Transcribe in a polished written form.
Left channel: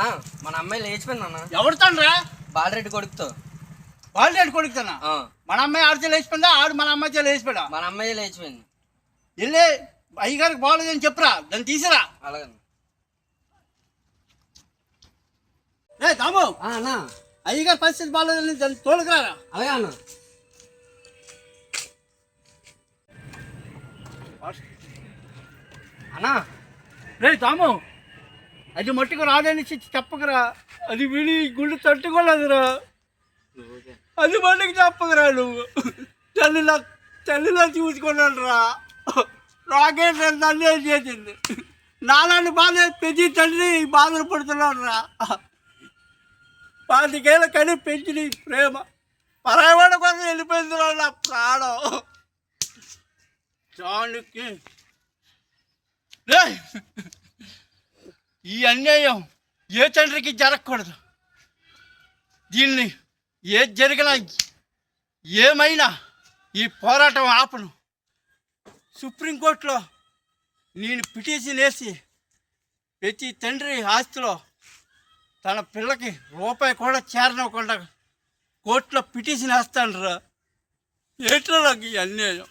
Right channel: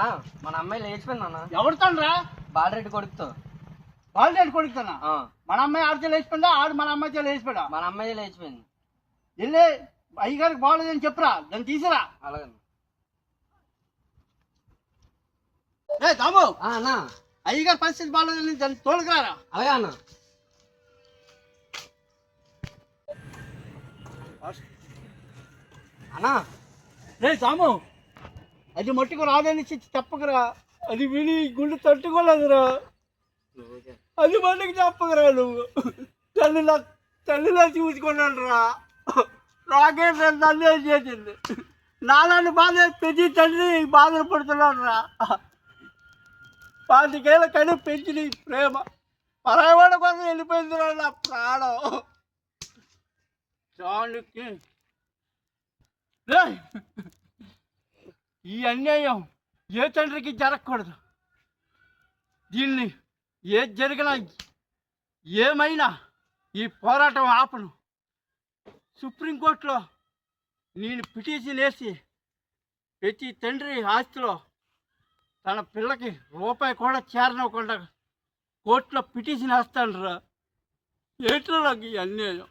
అన్నా మన అమ్మాయి లేచిపోయింది అన్న. ఎవరితోనరా? బాలరెడ్డి కొడుకుతో. బాలరెడ్డి కొడుకుతానా? మన అమ్మాయి ఆడితే లేచిపోయిందా? ఆడు మన అమ్మాయితో లేచిపోయా? మన అమ్మాయి లేచిపోయింది. వెళ్ళి అయ్యగారికి బాగోలేదని చెప్పురా, దాన్ని తీసిరా. అలాగే ఏ తాము అన్నా, అయ్యగారి పరిస్థితి బాగోలేదని దాన్ని తోలుకురారా. అలాగే అన్న. అన్నా రే తాము, అది మట్టుకు రాదని చెప్పకురా. అది విని గుండె తట్టుకోలేదురా. అది మట్టుకు చెప్పకురా. నువ్వు తల్లిలా చూసుకున్నాను రా. రాకేష్ తల్లి ఏం చేసింది? నాలాంటి బాధ పెంచి తండ్రి బాధలు పడుతున్నాడు రా. 25 ఏళ్ళ కని పెంచి ప్రేమ పరాయవాడ కోసం వెళ్ళిపోయింది రా నా ప్రాణం. చాణుకి ఈ అన్యాయం ఏ తండ్రికి జరగకూడదు. దీన్ని ఏది జరిగినా ఏమైనా ఈ పోరాటం ఆపను. సుప్రీంకోర్టులో నేను పిటిషన్ వేసి ప్రతి తండ్రి ఆస్తిలో తన పిల్లకి రూపాయి కూడా చేరనివ్వకుండా కోర్టులో పిటిషన్ వేస్తాను రా. ఏంటో నాకు ఈ అన్యాయం.